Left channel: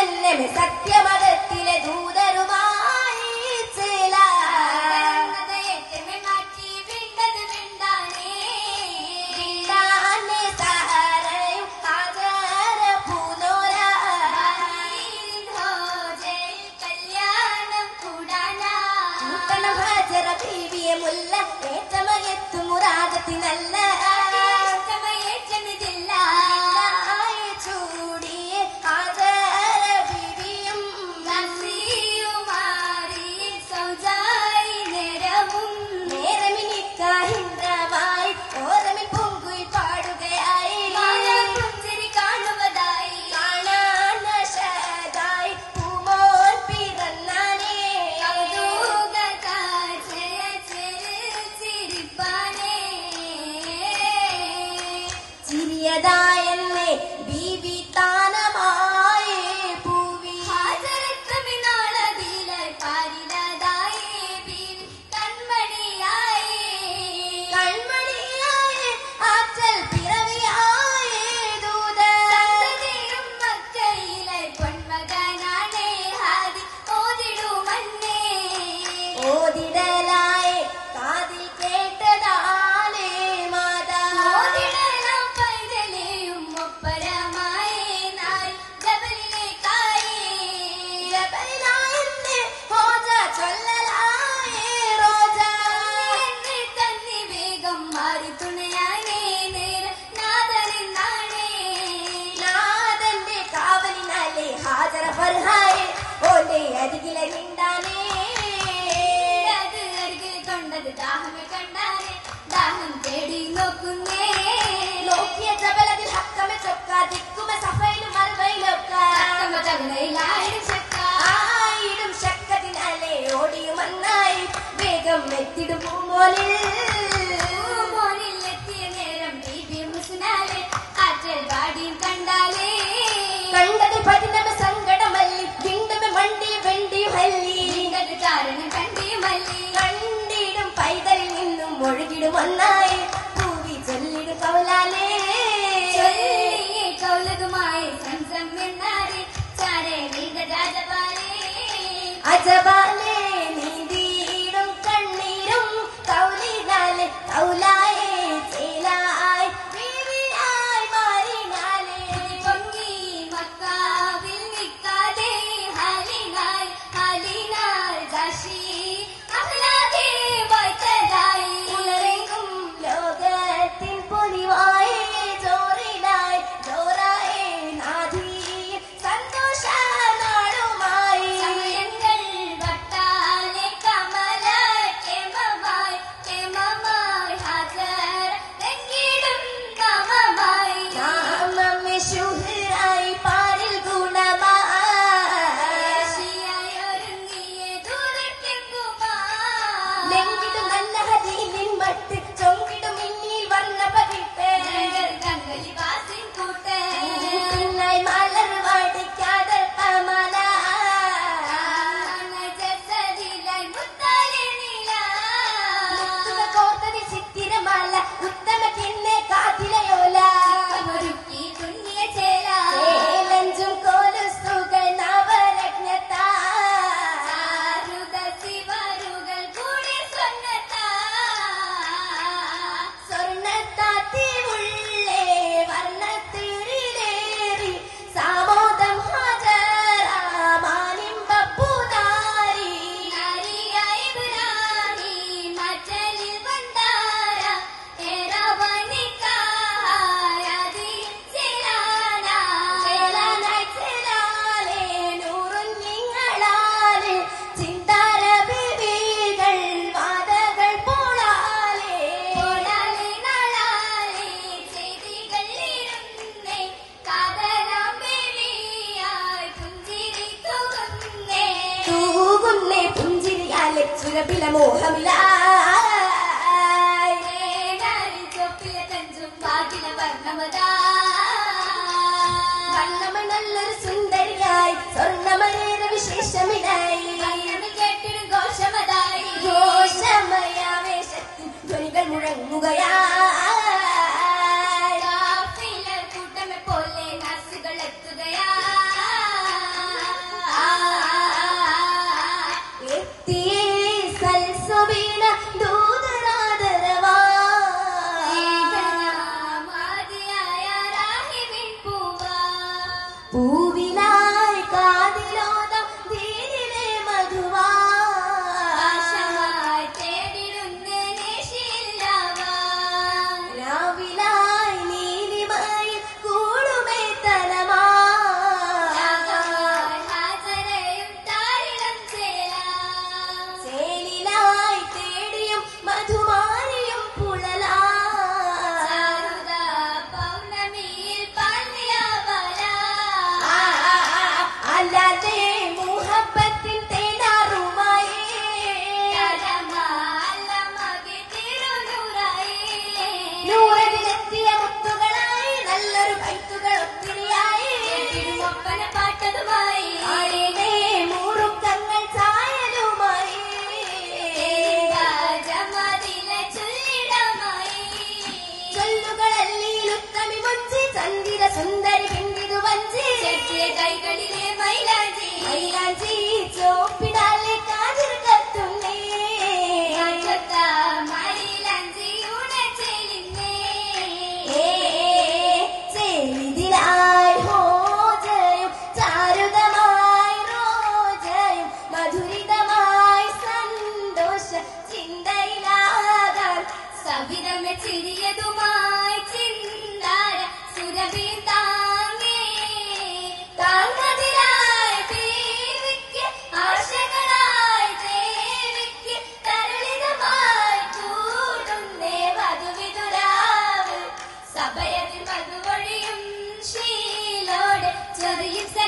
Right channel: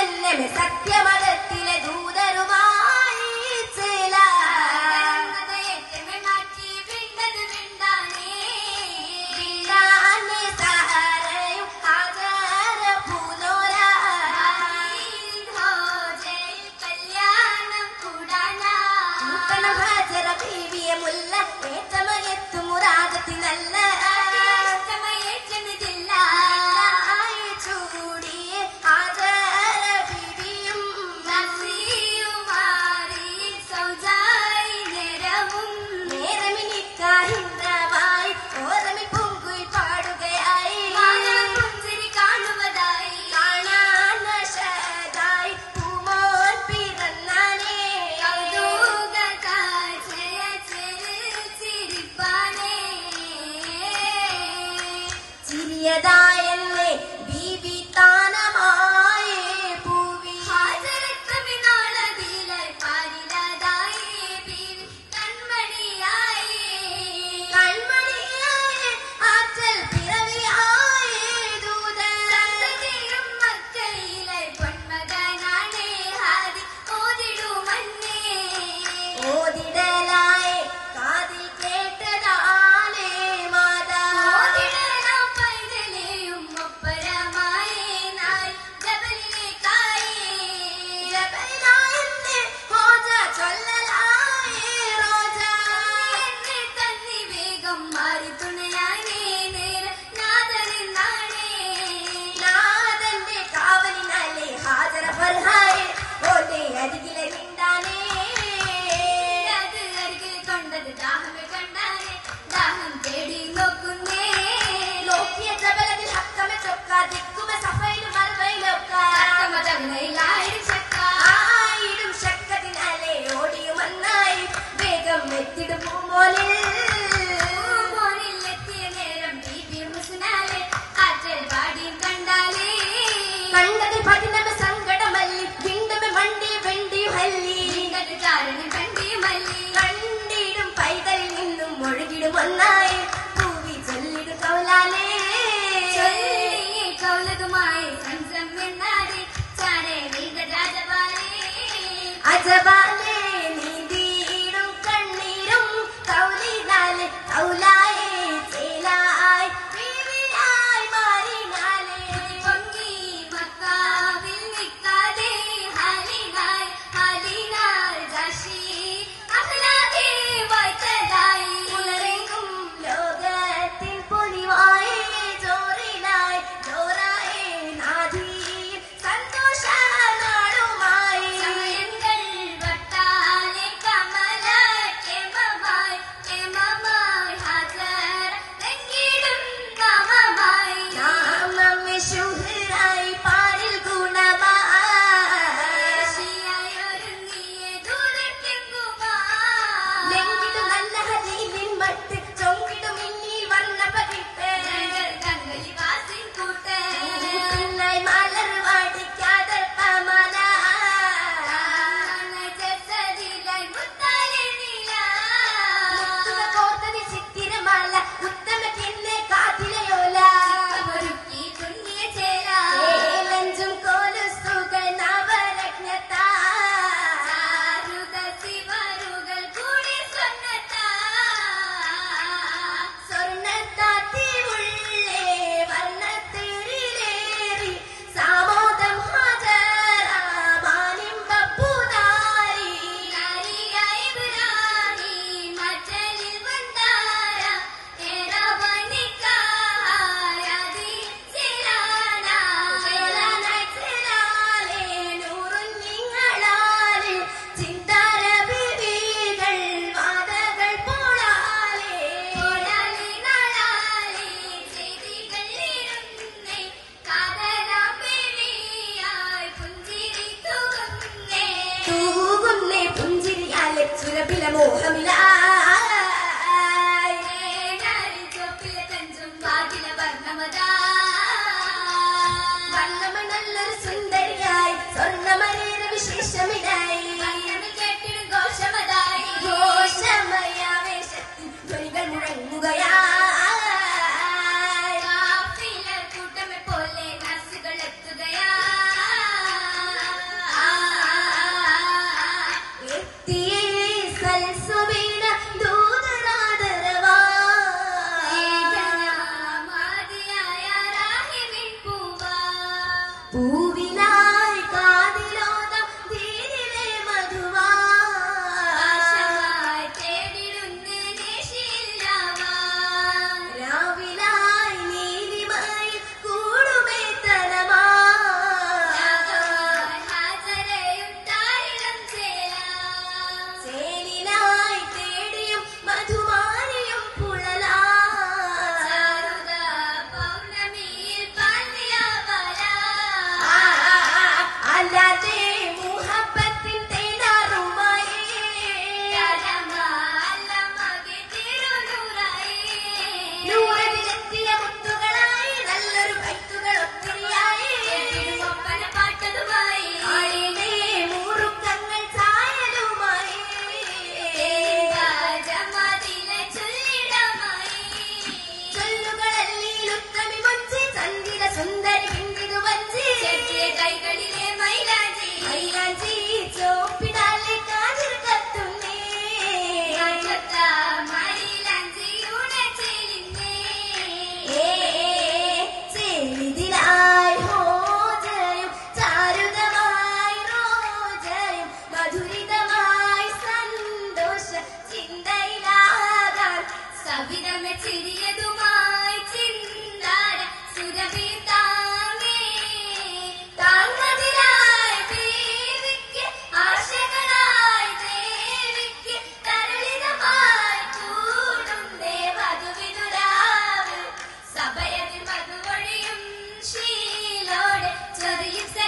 സത്യമതത്തിലെ ദൂതരുമായി മുല്ല ഏറ്റമയത്തു മുറാദത്തിനല്ല യദായല്ലേ ബീബി താനമായേ പൂവി ഹാജരത്തമിനാളതിലായി പാരിലതായേ ബീവി കൺമണിയായേ ആറ്റൽ പിറവിയായേ ദൂതരും മക്കയിലായി പൊന്മകനാണേ ഹാദി ഓതിടുമന്നേ ഓതിടലായേ കാതിൽ കേട്ടതാനേ മാതാ ദാഹം തേടി നോക്കുന്നേ നോക്കിയ ജബലതിൽ ഹക്കമെ ചൊക്ക ദിക്കുമെ സഫയിലും മറുവയിലൊക്കെ ആയിരം ശക്കതിനാലെ ഓടിയുമന്നായി വേഗം എത്തിടും മോനിൽ എത്തിയ നേരം ബീബി മുസ്നാലെ ആറ്റൽ വാടിയും കണ്ടാലേ കണ്ടത് പതിനത് സങ്കടമല്ലി വീണ്ടും മണ്ടി വെണ്ടി ഹല്ലി കാരണം കണ്ടിയും മല്ലി കണ്ടിടും പൈതലിൽ നിന്നും ഒഴുകിടും ഒന്നായി പൂവി ചൊല്ലിടും കൗലാലേ കൗലതുമായി സംസമ്മെന്നാരെ ചാരേ നീത രാജപാലേ അജപാലേ നീതിയിടും കണ്ണീരും കൗലിനാലെ കൗലായേ ചേലായി ബീവിയായി മാറിനാലേ പൊങ്ങി മക്കാവിൽ നിൽക്കാതെ ഹാലിനായി ദാശി അഖ്ലാഖേ വായ്ത്തതായി ഉലരെങ്കും ലോകത്തിൻ പൊലിവായി ജോറിനായി ജോറായി നാദി സന്തോഷ നാടുമായി സമയങ്ങൾ വട്ടാലെ കമല കേമമായി ഹാജർ തെങ്ങിടും നാമമായി നാമമേ ശുഹ്റായി പാരിൽ ഗുണമായി ഒരുങ്ങിയ ദൂരത്തെങ്ങുമായി ലെങ്കിടും നല്ല ഹദീലിൻ മട്ട് ചൊങ്കിടും ഇന്നിൽ വർണ്ണ പതിപ്പ് ഗംഗലി വാസിൻ കൂട്ട് മലർ വാടിക്കാതെ കമല ജസദിലായി മുത്താലെ നീല മുത്തുക കോർത്തതി ചിത്തിരമാല ഉത്തമ പിന്നെ കാതിലയോല ഒരുക്കി തുന്നിയ ചേല ലഞ്ചും കോലുസ്തുകൾ നവരത്നത്താ ശിവരുകൾ കൂടി സ്വർണ്ണത്താത്തി ഉള്ളേ വർണ്ണത്തിരിലേറി സാമോദം ഹാജരാമാനിമ്പപ്പൂതാരി നാരിയായി ഇബ്രാഹി മറ്റലിൽ വണ്ടാര ഏറവനിക്കായാതി ചേലാനായി ചേലാലേ നൂറും നിങ്ങളാലേ ചിന്താര ബീവികൾ വാദകൾ പോളാലേ നാളാലേ ചെയ്തികൾ ഇരുന്നേ കാതരാം ബീവിയായി പുഞ്ചിരി തൂകുന്നേ പുഞ്ചിരിയാലെ സുരഭില മോഹമിലായി ചൊപ്പിലെ തഞ്ചും ഭാഗ്യ വർണ്ണമ നല്ലൊരു സുന്ദരിയായി സ്വർണ്ണമരേറെ വിശേഷമിതായി കേട്ടിടും ഘോഷമതായി ഘോഷമയാവേശത്തിൽ ധ്വനികൾ മുഴങ്ങുകയായി കൂട്ടമെ പോലെ നർസുകൾ എത്തുകയായി പൂവിലായി കാതിലോദം ദീനിലെ മധുവായി തേടിടുന്ന് നേശില്ലാവാൻ രാവിലായി നീലിമായി കൂടുമേ തനമായി ഹാജരയും താരിളം ചേലിലായി തേടിയും മധുമാരിയും പുഴലാ സുന്ദരി പിന്തിതു വഞ്ചി കൈകളിലെ മൈലാഞ്ചി മൈലാഞ്ചി ചോപ്പിടാലെ കാതിൽ കത്തുന്നേ മൈലാഞ്ചി ഉണച്ചെലിന്നേ ചേലിതിലായി ഹോജയും ചാരുതമായി റോജയും മധുരിതമായി സന്തോഷ ചിന്തയിലാകാൻ സവിതമെ ചിരിയതുമായി ചിന്താര സുരഭി So